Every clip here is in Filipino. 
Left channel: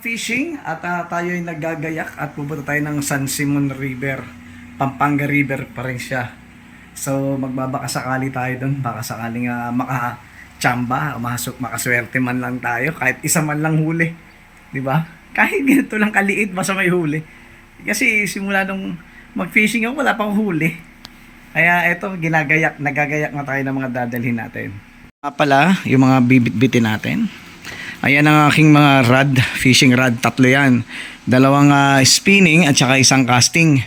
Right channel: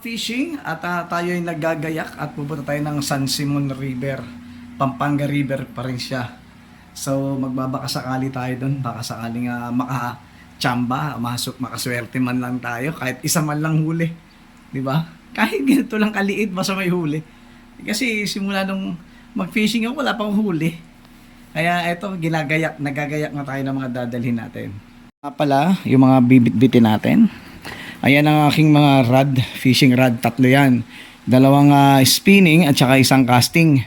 Fishing at tayo ay naggagayak at pupunta tayo ng San Simon River. Pampanga River pa rin siya. So magbabaka sakali tayo doon, baka sakaling makachamba, makaswerte man lang tayo kahit isa man lang huli, 'di ba? Kahit ganito lang kaliit basta may huli. Kasi simula nung mag-fishing ako wala pang huli. Kaya eto nagagayak na tayo ng mga dadalhin natin. Pala, yung mga bibit-bitin natin. Ayan ang aking mga rod, fishing rod, tatlo yan. Dalawang spinning at saka isang casting.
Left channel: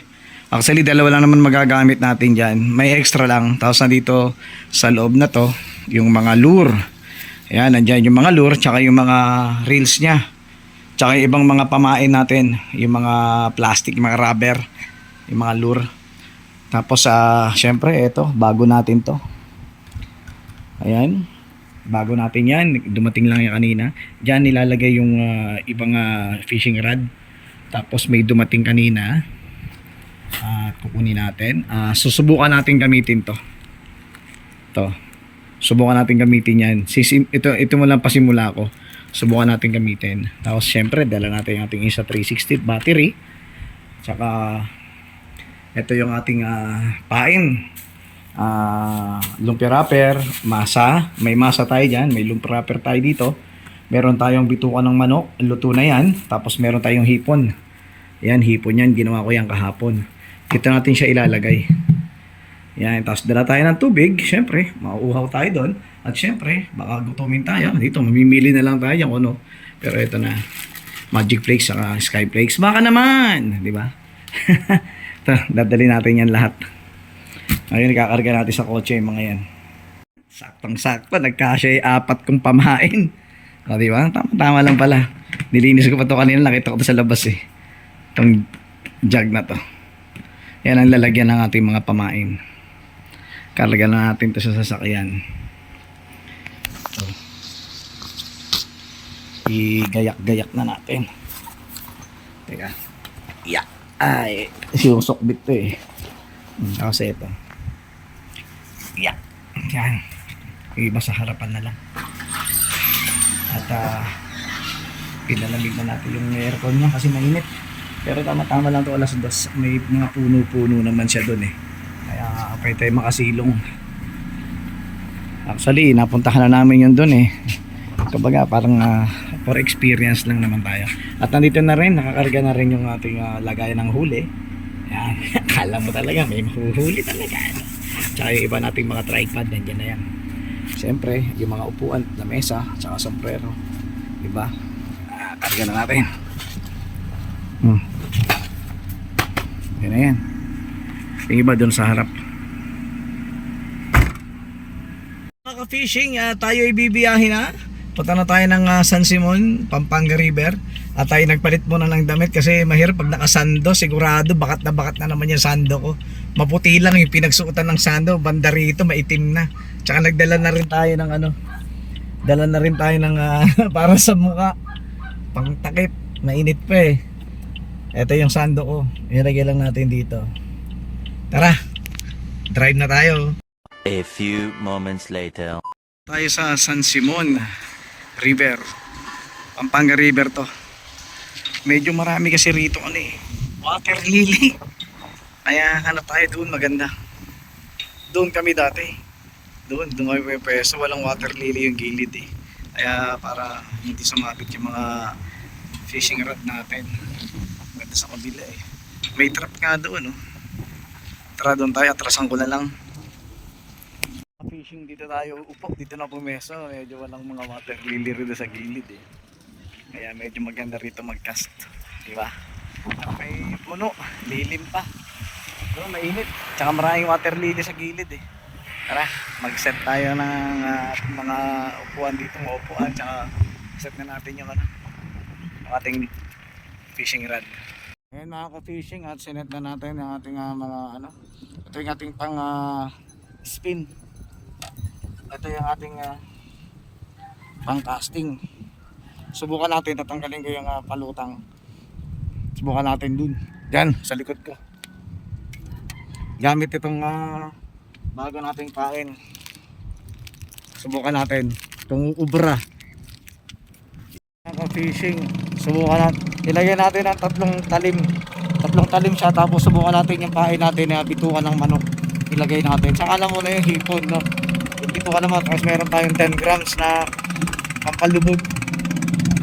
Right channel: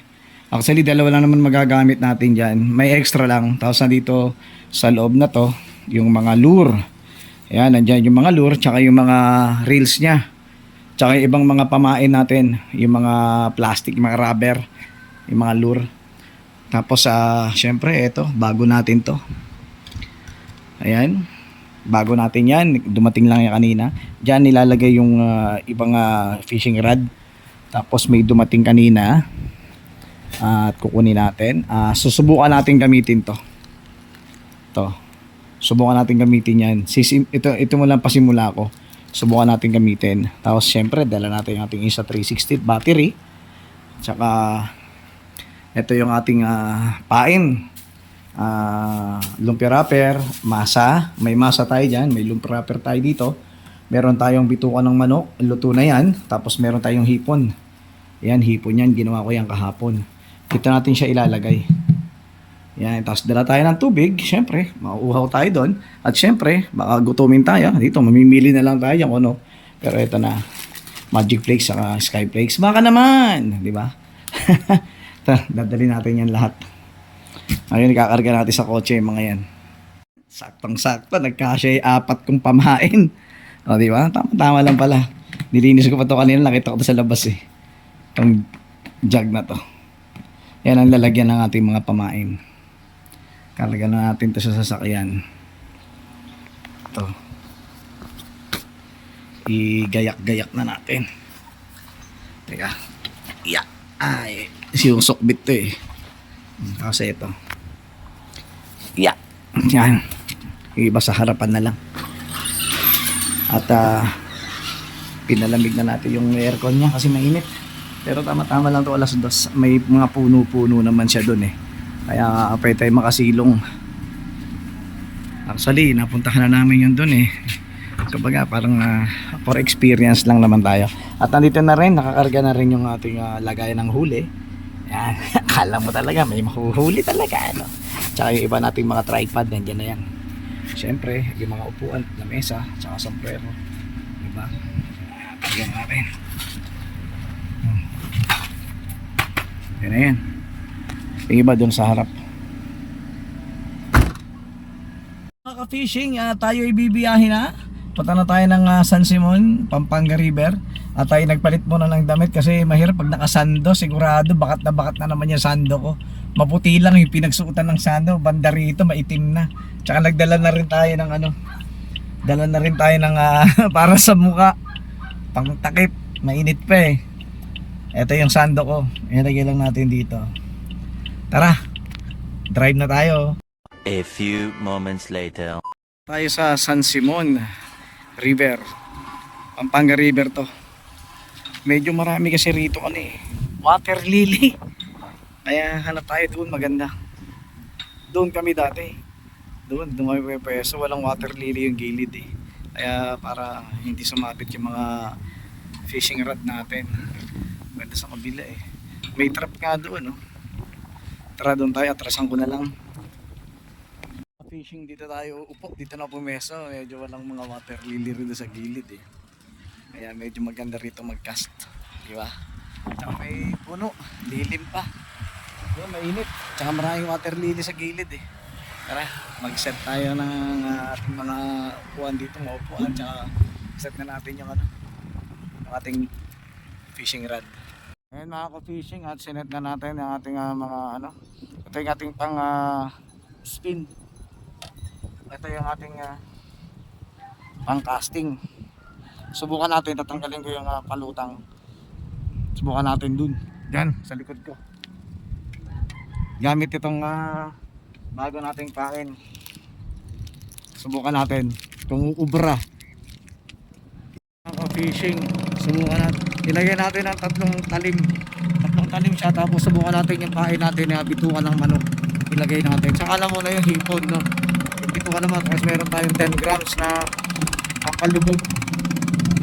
Actually, dalawa lang naman magagamit natin dyan. May extra lang. Tapos nandito sa loob na to, yung mga lure. Ayan, nandyan yung mga lure, tsaka yung mga reels nya. Tsaka yung ibang mga pamain natin. Yung mga plastic, mga rubber, yung mga lure. Tapos, syempre, ito, bago natin to. Ayan. Bago natin yan, dumating lang yan kanina. Diyan nilalagay yung ibang fishing rod. Tapos may dumating kanina at kukunin natin. Susubukan natin gamitin to. Subukan natin gamitin yan. Ito mo lang pasimula ko. Subukan natin gamitin. Tapos syempre dala natin yung ating isa 360 battery. Tsaka ito yung ating pain. Lumpia wrapper, masa, may masa tayo dyan, may lumpia wrapper tayo dito, meron tayong bituka ng manok, luto na yan, tapos meron tayong hipon. Yan, hipon yan, ginawa ko yan kahapon. Dito natin siya ilalagay. Yan, tapos dala tayo ng tubig, syempre mauuhaw tayo doon, at syempre baka gutumin tayo dito, mamimili na lang tayo yung ano. Pero ito na, Magic Flakes saka Sky Flakes, baka naman, di ba? Dadali natin yan lahat. Ngayon ikakarga natin sa kotse yung mga yan. Saktong-sakto, nagkasya yung 4 kong pamain. O diba? Tama lang pala. Nilinis ko pa to kanina, nakita ko to sa labas eh. Itong jug na to. Yan ang lalagyan ng ating mga pamain. Karga na natin to sa sasakyan. Ito. Igayak-gayak na natin. Teka. Yeah. Ay, yung sukbit to eh. Kasi ito. Yeah. Yan. Iba sa harapan na lang. At pinalamig na natin yung aircon niya kasi mainit. Pero tama-tama lang to, alas 2. May mga puno-puno naman siya doon eh. Kaya pwede tayo makasilong. Actually, napuntahan na namin yun doon eh. Kumbaga parang for experience lang naman tayo. At nandito na rin, nakakarga na rin yung ating lagayan ng huli. Yan, akala mo talaga may mahuhuli talaga ano. Tsaka yung iba nating mga tripod nandiyan na yan. Siyempre yung mga upuan, lamesa, tsaka sombrero, diba? Karga na natin. Yan na yan. Yung iba dun sa harap. Mga fishing, tayo ibibiyahin na. Punta na tayo ng San Simon, Pampanga River. At tayo nagpalit muna ng damit kasi mahirap pag nakasando, sigurado bakat na naman yung sando ko. Maputi lang yung pinagsuotan ng sando, banda rito maitim na. Tsaka nagdala na rin tayo ng dala na rin tayo ng para sa muka, pang takip, mainit pa eh. Ito yung sando ko, ilagay lang natin dito. Tara, drive na tayo. A few moments later. Tayo sa San Simon River, Pampanga River to. Medyo marami kasi rito water lily. Kaya hanap tayo doon, maganda. Doon kami dati. Doon kami pwesto, walang water lily yung gilid eh. Kaya para hindi sumabit yung mga fishing rod natin. Maganda sa kabila eh. May trap nga doon Tara doon tayo, atrasan ko na lang. Fishing dito tayo, dito na pumeso. Medyo walang mga water lily rito sa gilid eh. Kaya medyo maganda rito mag-cast, di ba? Tsaka may puno, lilim pa. Doon mainit. Tsaka maraming water lily sa gilid eh. Tara, mag-set tayo ng ating mga upuan dito, mga upuan. Tsaka set na natin yung ating fishing rod. Ngayon mga ka-fishing, at sinet na natin yung ating mga ito yung ating pang spin. Ito yung ating pang casting. Subukan natin, tatanggalin ko yung palutang. Subukan natin dun. Yan, sa likod ko. Gamit itong bago nating pain. Subukan natin. Itong ubra. fishing. Subukan natin. Ilagay natin ang tatlong talim. Tatlong talim siya, tapos subukan natin yung pain natin na bitukan ng manok. Ilagay natin. Saka na muna yung hipon, no? Yung bitukan naman, tapos meron tayong 10 grams na pampalubog.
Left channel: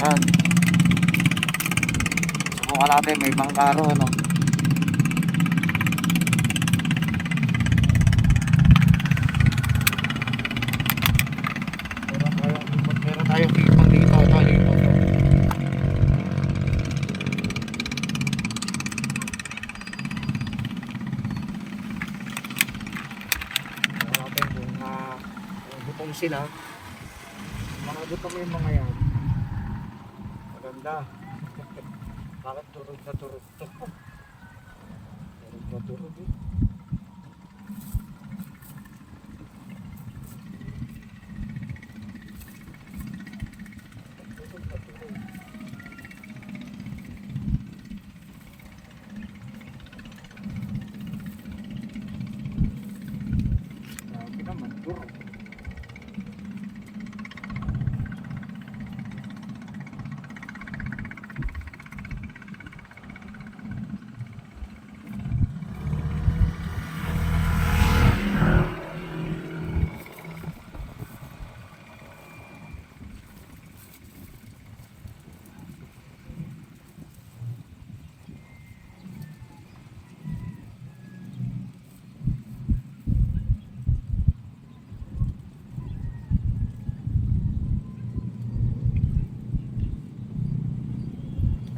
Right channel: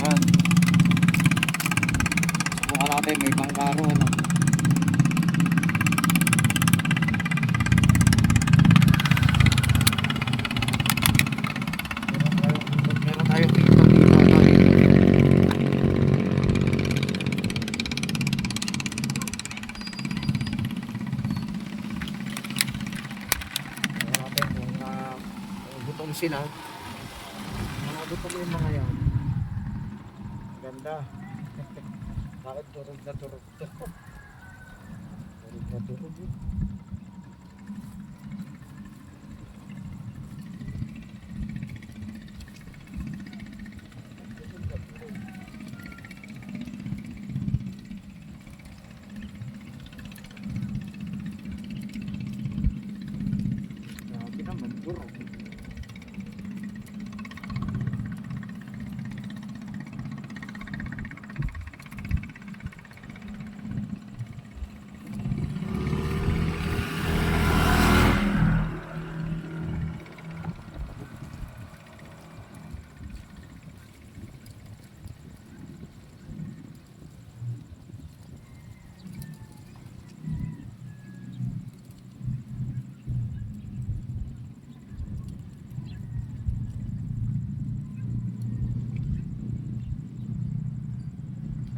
Yan. Subukan natin, may pangkaro, no? Meron tayong hipon dito, no? Hipon, no? Gutom sila. Mga gutom yung mga yan. Maganda. Bakit turog na turog to? Turog na turog eh. Turog na turog. Grabe naman, turog.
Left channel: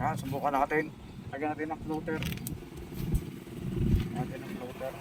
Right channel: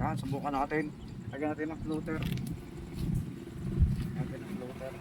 Yan, subukan natin. Lagyan natin ng floater. Natin ng floater.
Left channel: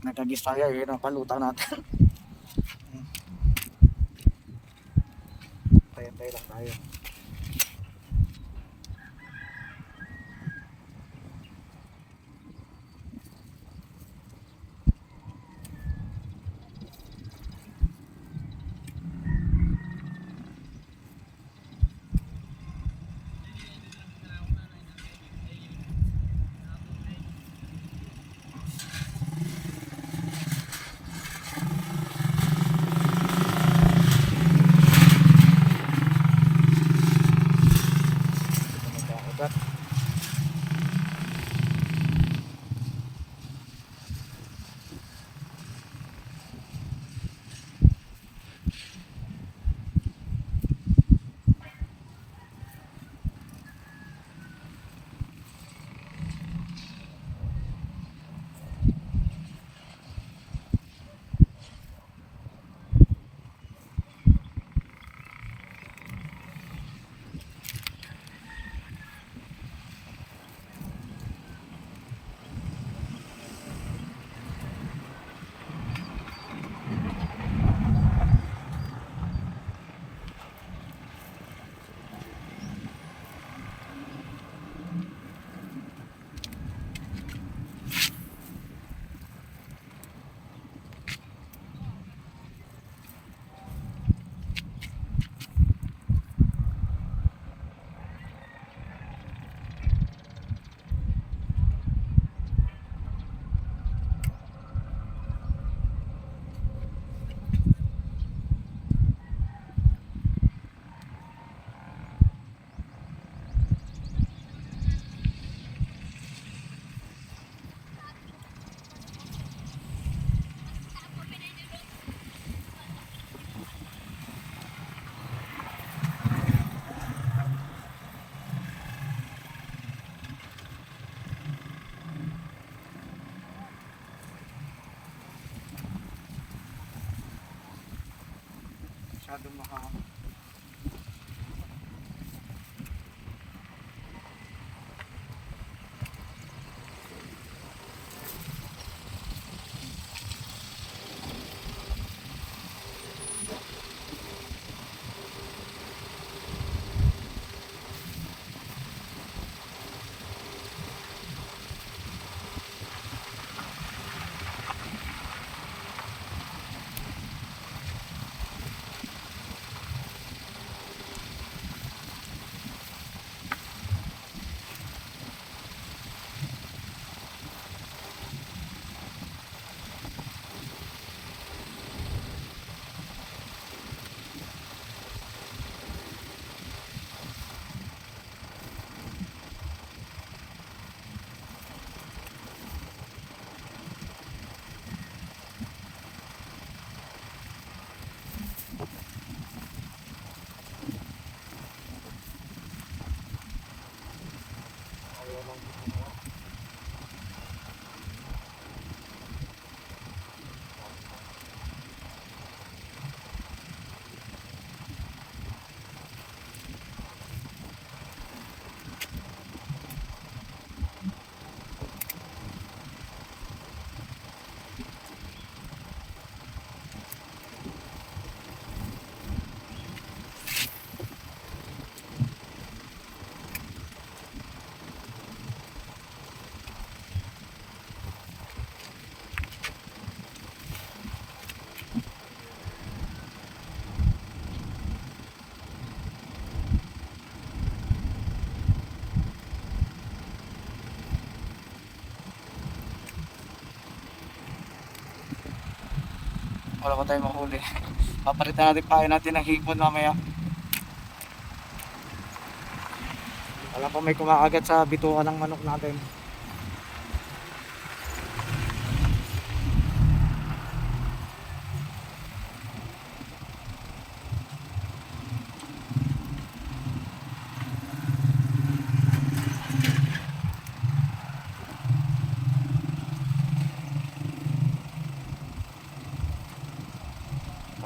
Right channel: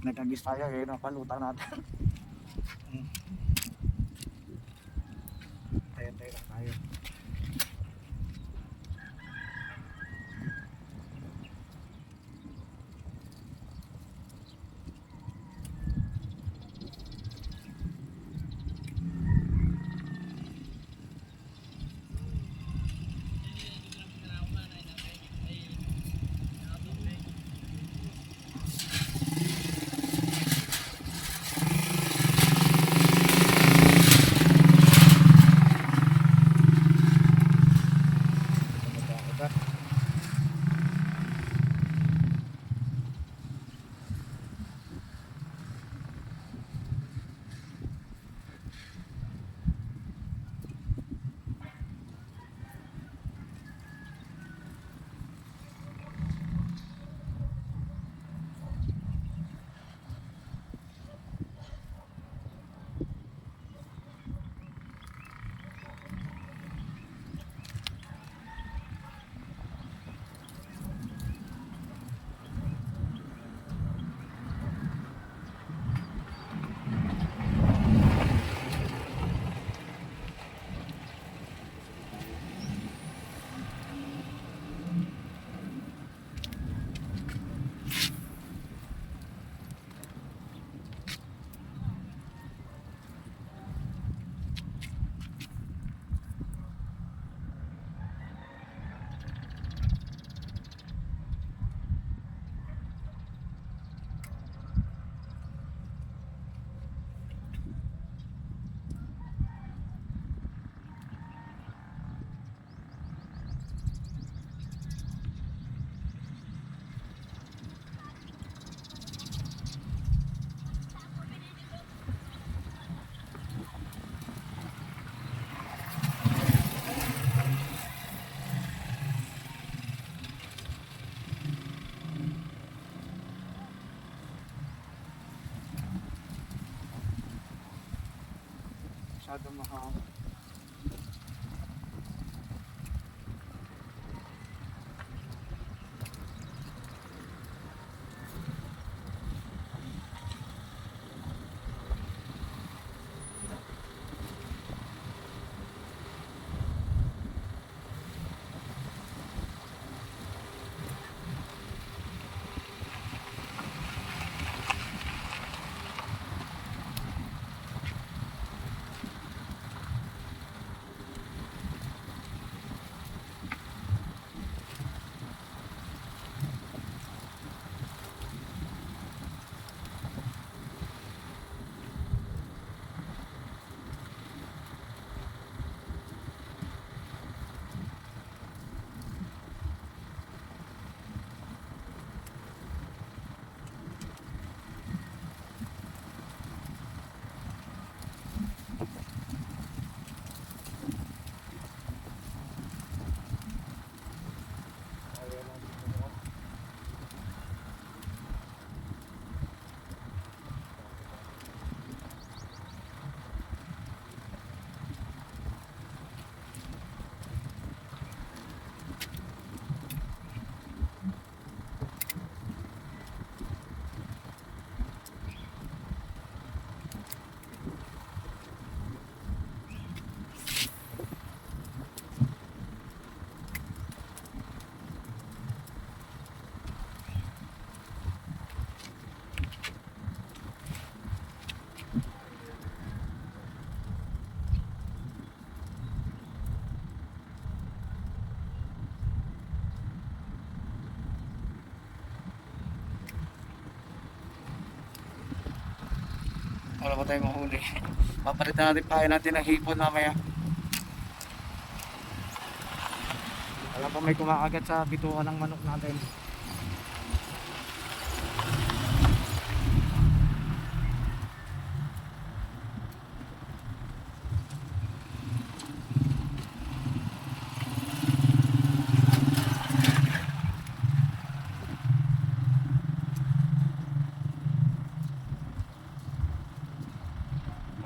Nagkagis tayo, yun ang palutang natin. Tayo-tayo lang tayo. masyadong mahangin. Wala pa tayong mahuli. Papalitan natin pahay natin ng hipon mamaya. Wala pa may kumakagat sa bituan ng manok natin.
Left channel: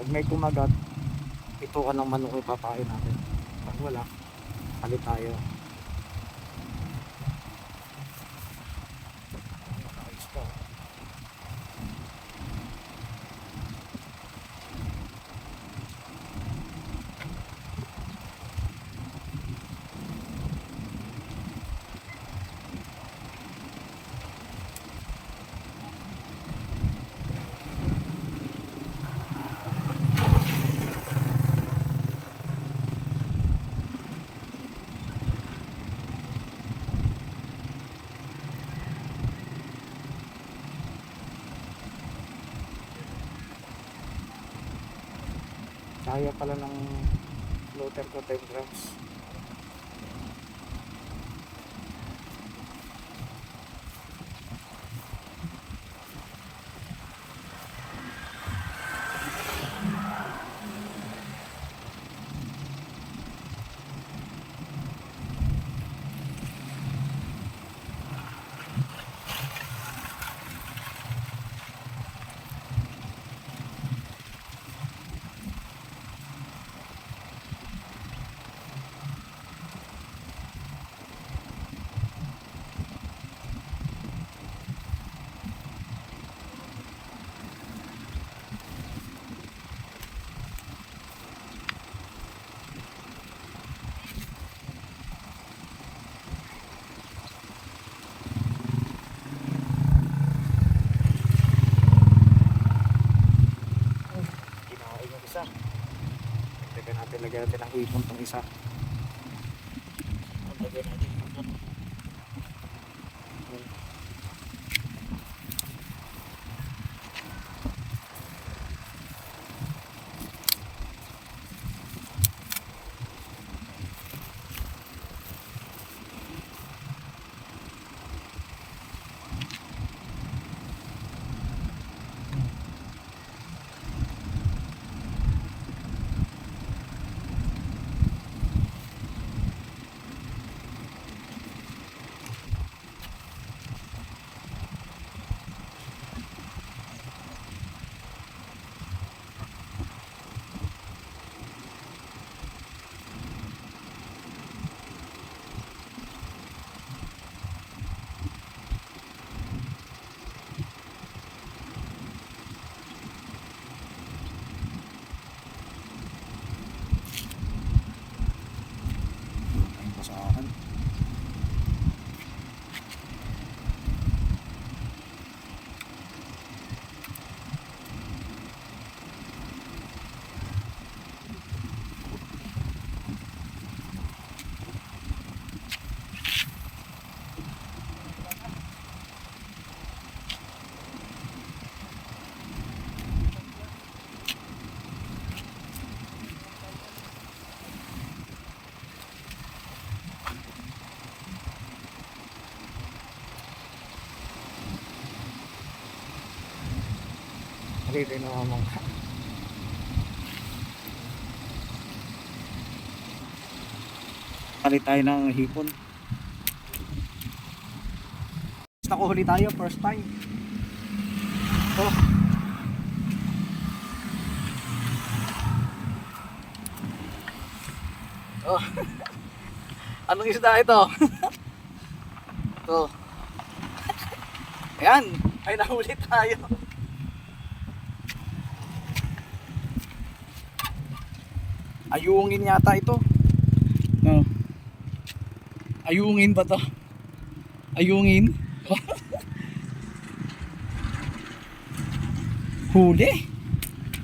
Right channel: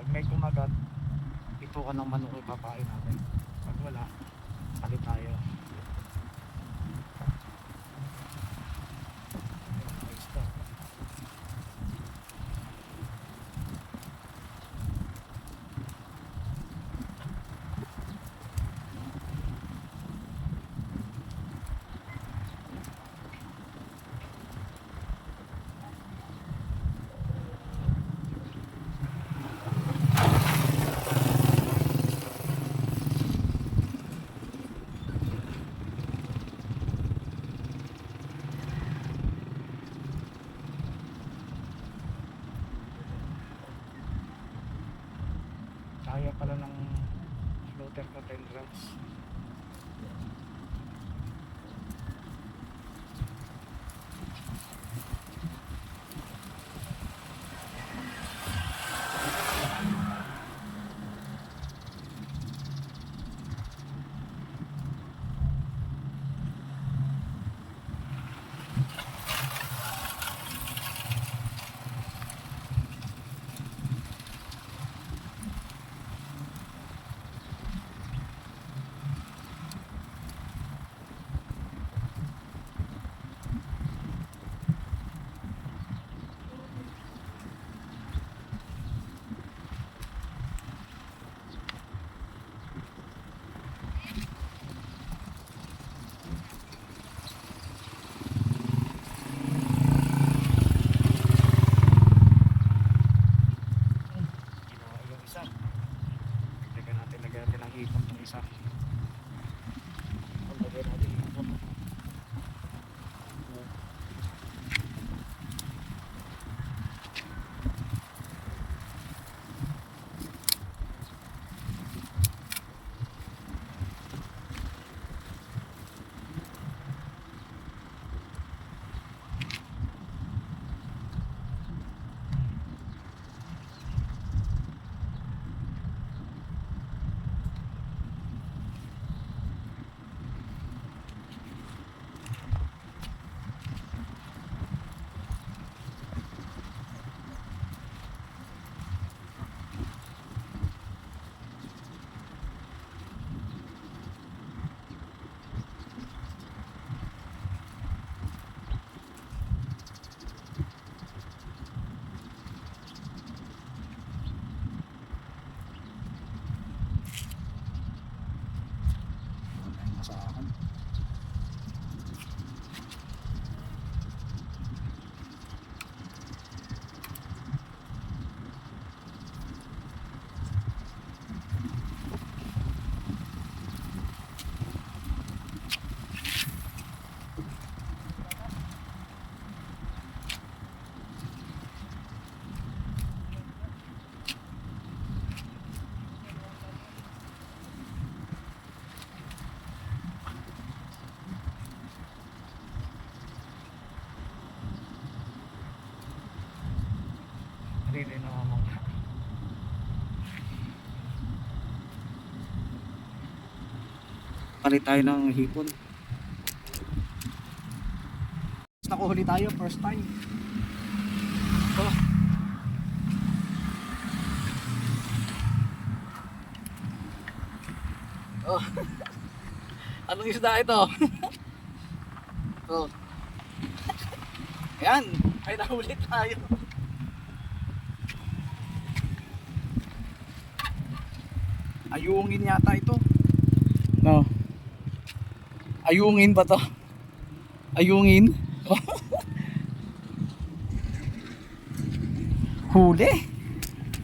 Pag may kumagat, bituan ng manok yung papain natin. Pag wala, palit tayo. Kaya pala ng floater ko 10 grams. Lagyan natin ng hipon tong isa. Lagyan natin hipon. sa akin. Dito na naman. Palit tayo ng hipon. Nakuhuli tayo first time. Ito. Oh. Anong isda ito? Ito. Ayan, ay nahuli tayo. Ayungin yata ito. No. Ayungin ba to? Ayungin? Huli.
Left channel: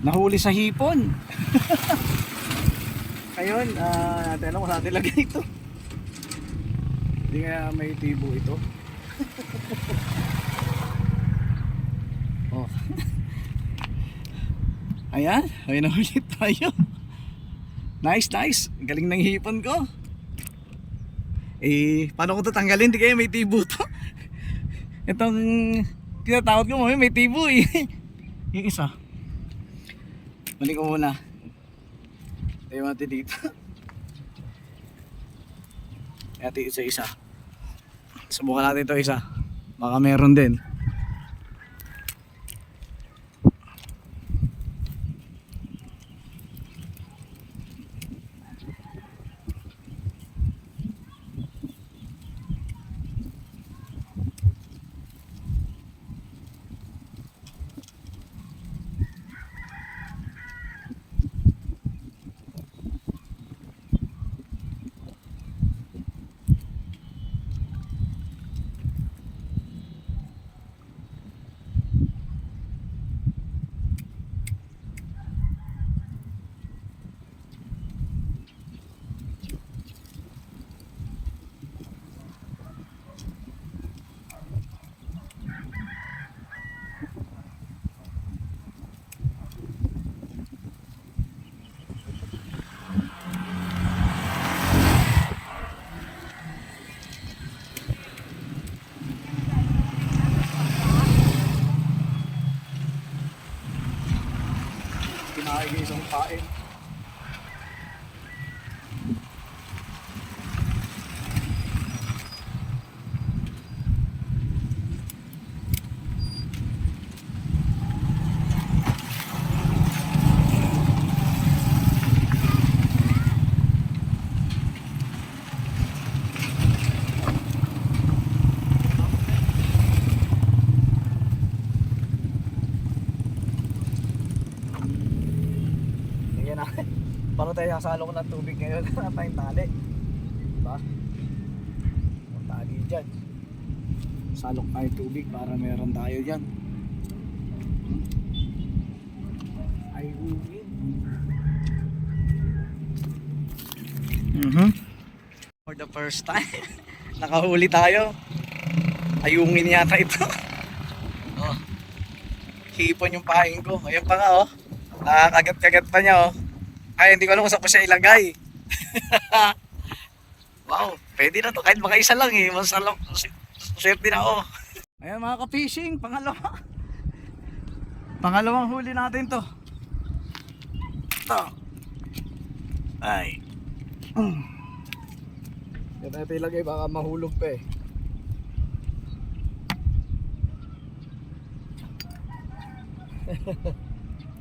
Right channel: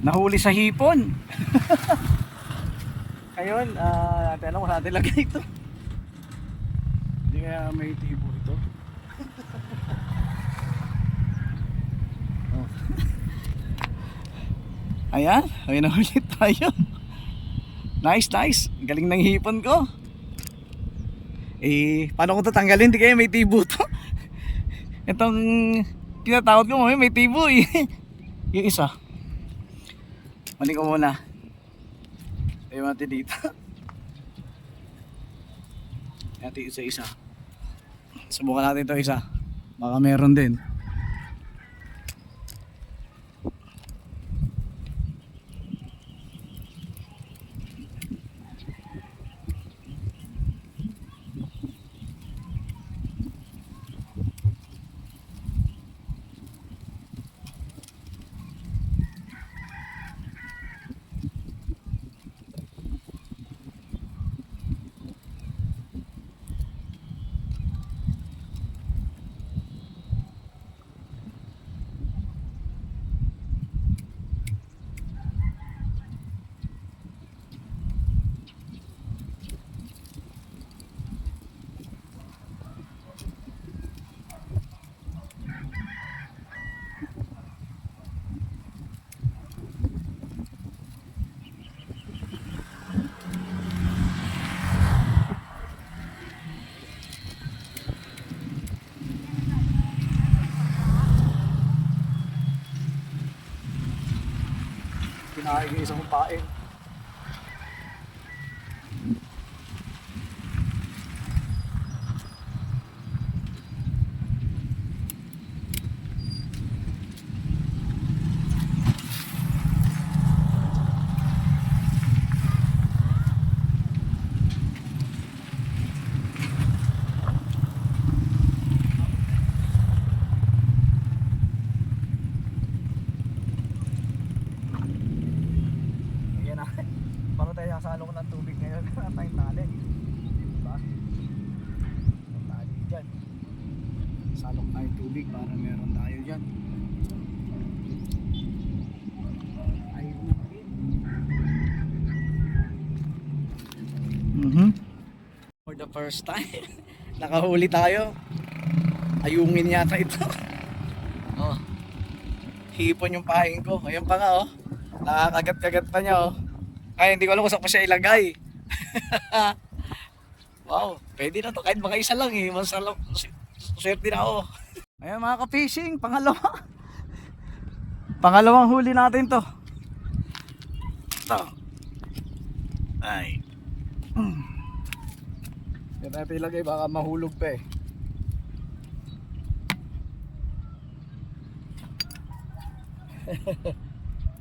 Nahuli sa hipon. Ayun, natin alam kung saan nilagay ito. Hindi kaya may tibo ito. Oh. Ayan, ay nahuli tayo. Nice, nice. Galing ng hipon ko. Eh, paano ko ito tanggalin? Hindi kaya may tibo to. Itong kinatawad ko mo, may tibo eh. Yung isa. Mali ko muna. Tayo natin dito. Natin isa-isa. Subukan natin ito isa. Baka meron din. Kinain yung isang pain. Paano tayo sasalo ko ng tubig ngayon? Wala tayong tali. Diba? Tali dyan. Salok tayo tubig para meron tayo dyan. Ay, for the first time nakahuli tayo. Ayungin yata ito. Oh. Hipon yung paing ko. Ayan pa nga oh. Nakakagat-kagat pa niya oh. Ay, hindi ko alam kung saan ko siya ilagay. Wow, pwede na to. Kahit mga isa lang eh. Swerte na ako. Ayan mga ka-fishing, pangalawa. Pangalawang huli natin to. Ito. Ay. Yan natin ilagay, baka mahulog pa eh.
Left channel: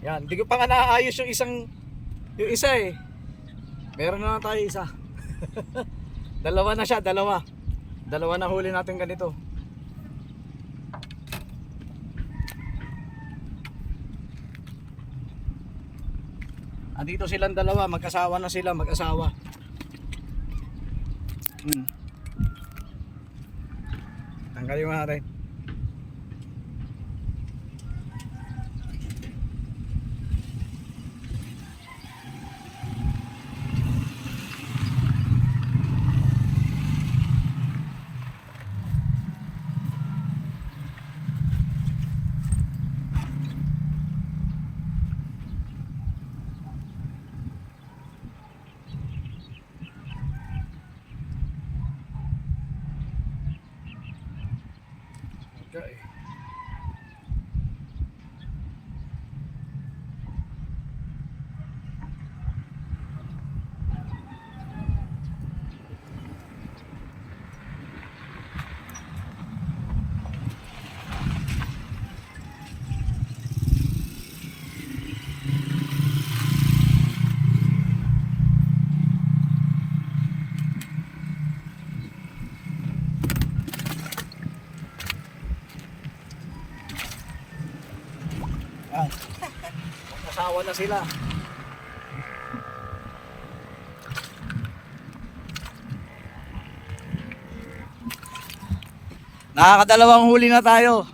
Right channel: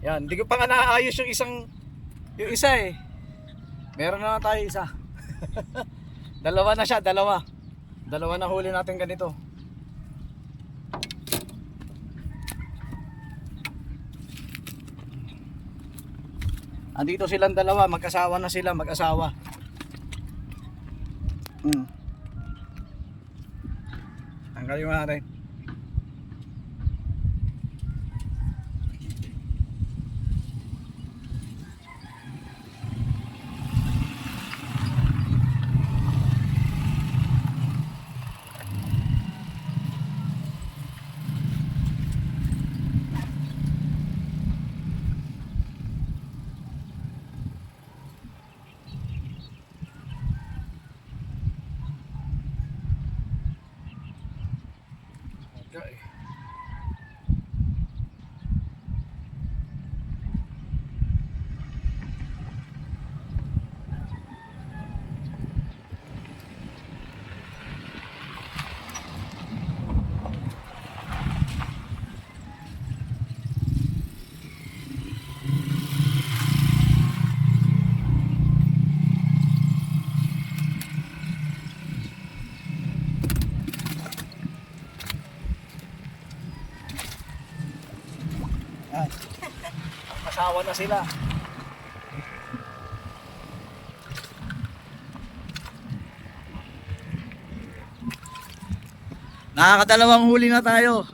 Yan, hindi ko pa nga naayos yung isa eh. Meron na tayo isa. Dalawa na siya, dalawa. Dalawa na huli natin ganito. Andito silang dalawa, magkasawa na sila, mag-asawa. Tanggalin mo natin. Okay. Ah, kasawa na sila. Nakakadalawang huli na tayo.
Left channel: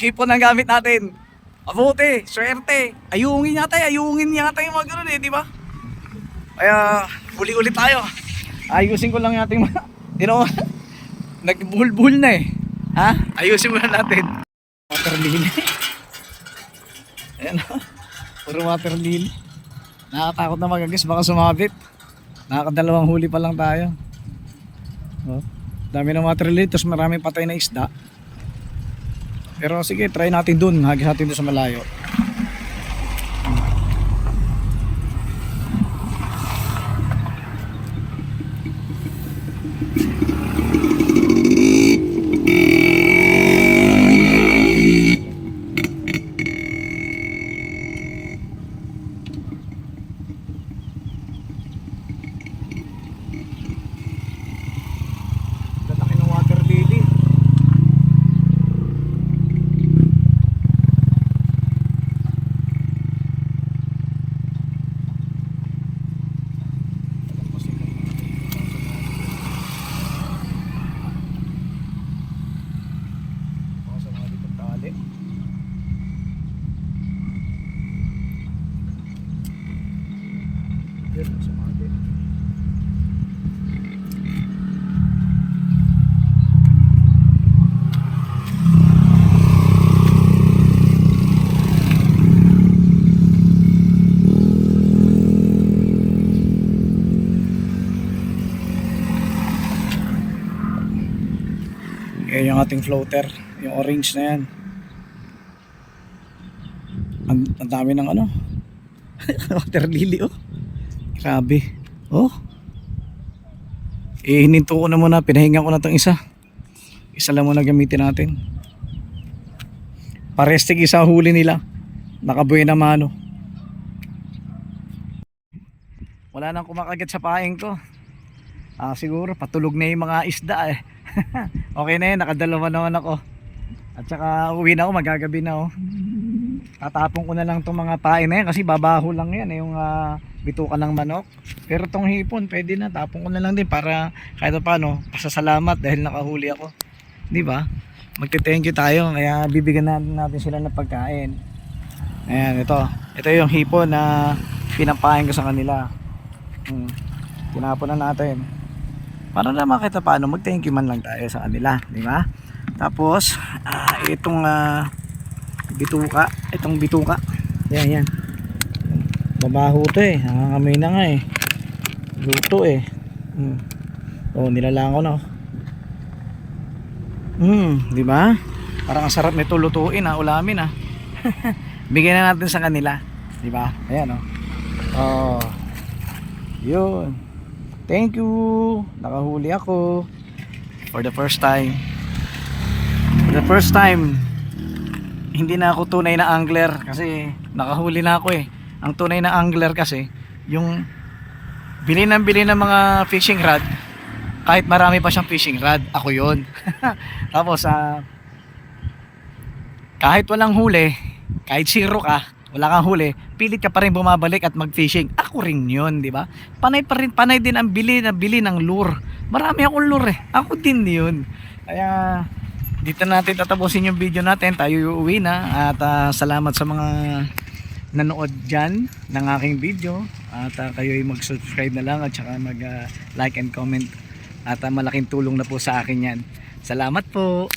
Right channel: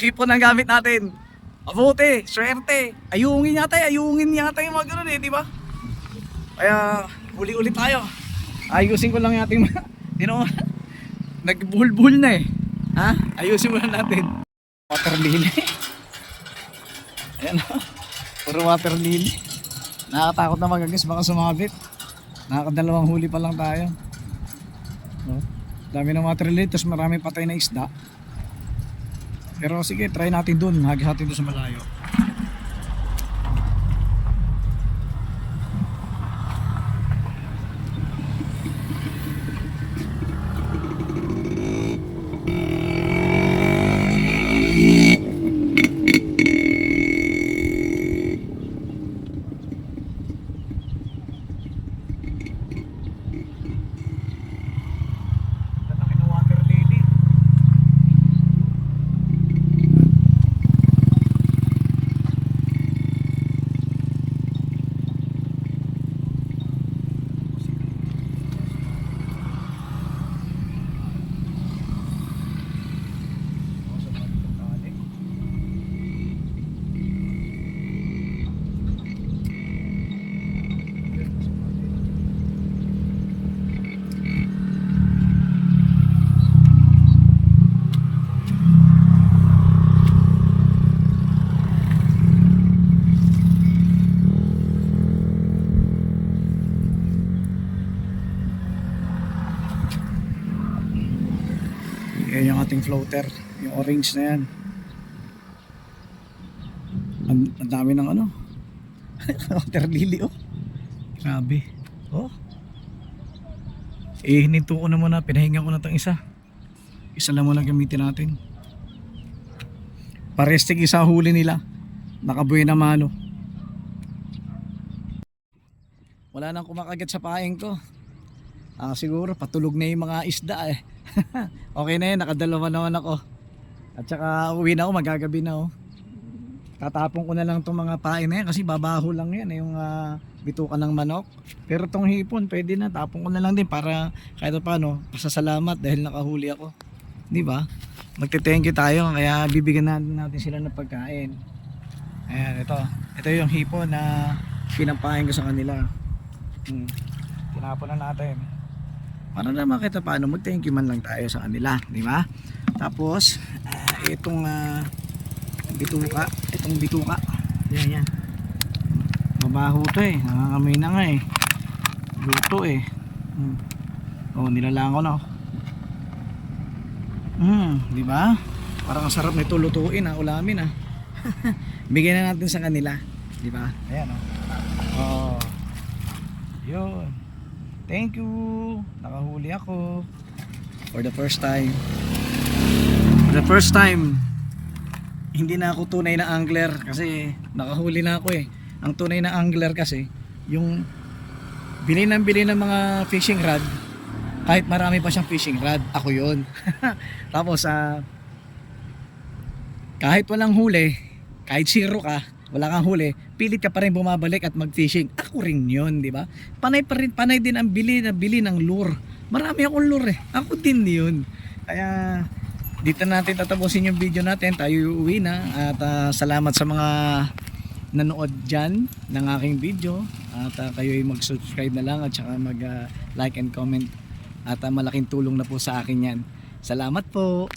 Hipon ang gamit natin. Mabuti, swerte. Ayungin yata yung mga ganun eh, di ba? Kaya huli ulit tayo. Ayusin ko lang natin nagbuhol-buhol na eh. Ha? Ayusin muna natin. Water lily. Ayan o. Puro water lily. Nakakatakot na magagas, baka sumabit. Nakakadalawang huli pa lang tayo. Oh, dami ng water lily, tapos maraming patay na isda. Pero sige, try natin dun. Hagis natin dun sa malayo. Laki ng water lily. Yan yung ating floater, yung orange na yan. Ang dami ng ano water lily oh. Grabe. Oh. Hininto ko na muna, pinahinga ko na tong isa. Isa lang muna gamitin natin. Parestig isa huli nila. Nakabuhay na mano. Wala nang kumakagat sa paing ko. Siguro patulog na yung mga isda eh. Okay na yun, nakadalawa naman ako. At saka uwi na ako, magagabi na ako. Tatapon ko na lang itong mga pain na yan kasi babaho lang yan yung bituka ng manok. Pero itong hipon pwede na, tapon ko na lang din para kahit paano pasasalamat dahil nakahuli ako, di ba? Magte-thank you tayo, kaya bibigyan natin sila ng pagkain. Ayan, ito yung hipon na pinapain ko sa kanila. Tinapon na natin para naman kita paano mag-thank you man lang tayo sa kanila, di ba? Tapos itong bituka. Yan. Babaho to eh. Nangangamoy na nga eh. Luto eh. Oh, nilalang ko na. Di ba? Parang ang sarap nito lutuin ulamin Bigyan na natin sa kanila, di ba? Ayan oh. Yun. Thank you. Nakahuli ako for the first time. Hindi na ako tunay na angler kasi nakahuli na ako eh. Ang tunay na angler kasi yung bili ng mga fishing rod, kahit marami pa siyang fishing rod, ako yon. Tapos kahit walang huli, kahit zero ka, wala kang huli, pilit ka pa rin bumabalik at mag-fishing. Ako rin yun, di ba? Panay din ang bili ng lure Marami akong lure. Ako din yun. Kaya dito natin tatapusin yung video natin. Tayo uuwi na. At salamat sa mga nanood dyan ng aking video. At kayo ay mag-subscribe na lang at saka mag-like and comment. At malaking tulong na po sa akin yan. Salamat po.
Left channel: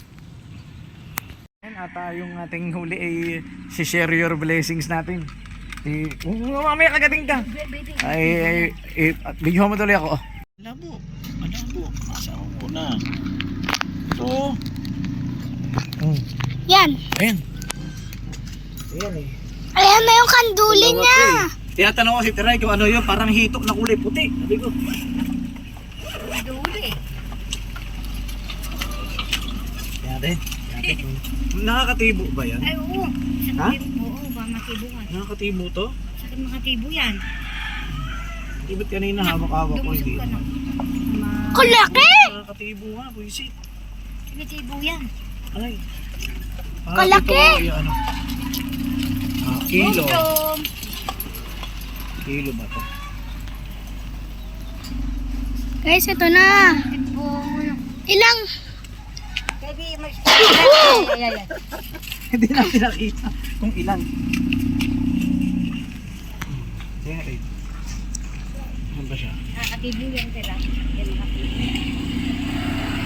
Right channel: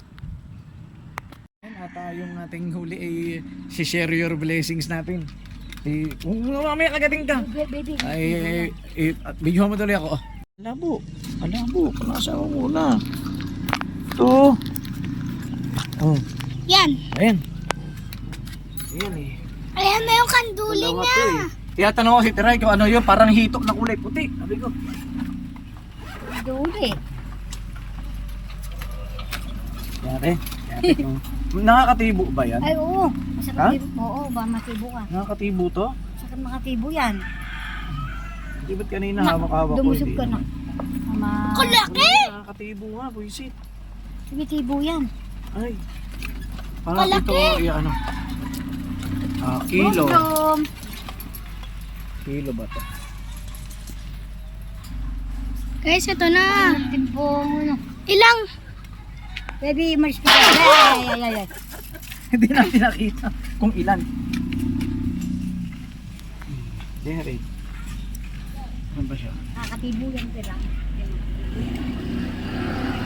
At yung ating huli ay share your blessings natin. Mamaya kagating ka. Ay, video mo tuloy ako. Alabo. Panasa mo muna. Ito. Yan. Ayan. Ayan eh. Ayan na yung kanduli niya. Tinatanong ko si Tiray kung ano yun, parang hitok na kulay puti. Sabi ko. Kanduli. Yan rin. Nakakatibo ba yan? Ay, oo. Ha? Oo, ba matibo ka. Nakakatibo to? Saka makatibo yan. Di ba't kanina hawak-hawak ko Lumusog hindi? ka na. Kalaki! Nakakatibo nga, buisit. Sige, tibo yan. Ay. Kalaki! Ito, ano? Kilo. Mushroom. Kilo ba to? Guys, ito na. Ilang? Baby, marshmallow. Hindi natin nakita kung ilan. Yan. Ano ba siya? Nakatibo yan sila. Yan nakatibo.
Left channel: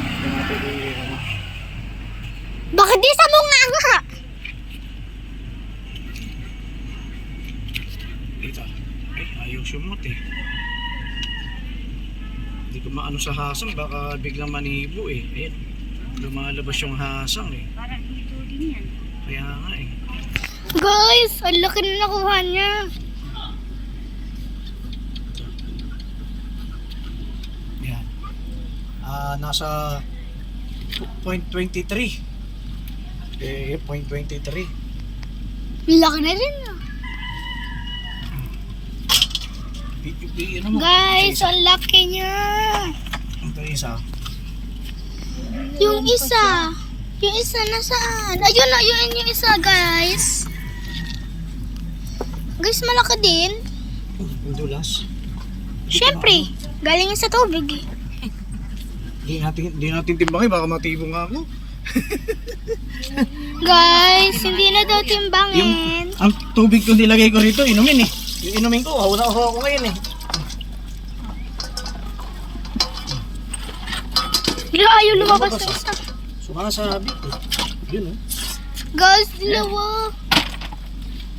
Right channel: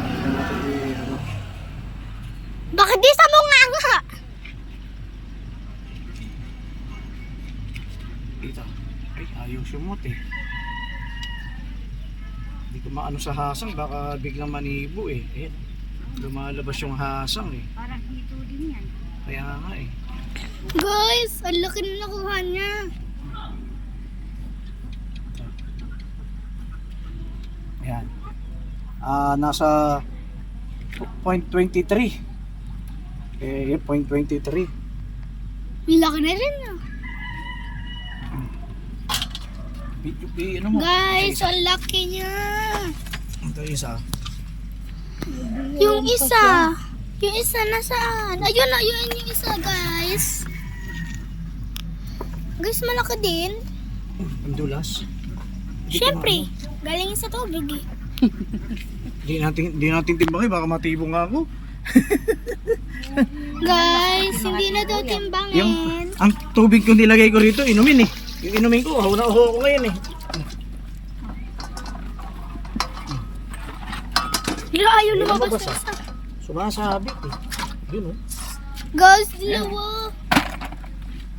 Ito natin ano. Bakit di sa bunga nga? Dito. Ay, ayaw sumot eh. Hindi ko maano sa hasang, baka biglang manibo eh. Ayan. Lumalabas yung hasang eh. Parang ito din yan. Kaya nga eh. Guys, ang laki na nakuha niya. Yan. Nasa 0.23. Eh, 0.23. Laki na rin ah. Ano mo? Guys, ang laki niya. Ito isa. Yung isa. Yung isa nasaan? Ayun na, yun yung isa, guys. Guys, malaki din. Ang dulas. Siyempre, galing yan sa tubig eh. Di natin timbangin, baka matibong nga ako. Guys, hindi na daw timbangin. Ang tubig ko nilagay ko rito, inumin eh. Yung inumin ko, uhaw na uhaw ako ngayon eh. Hindi ayaw lumabas sa isa. Sumasabit eh. Yun oh. Guys, dalawa.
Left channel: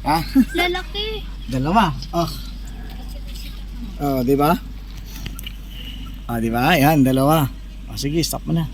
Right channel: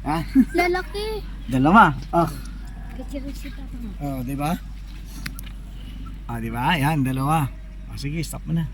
Ha? Lalaki. Dalawa. Di ba? Di ba? Yan, dalawa. Sige, stop mo na.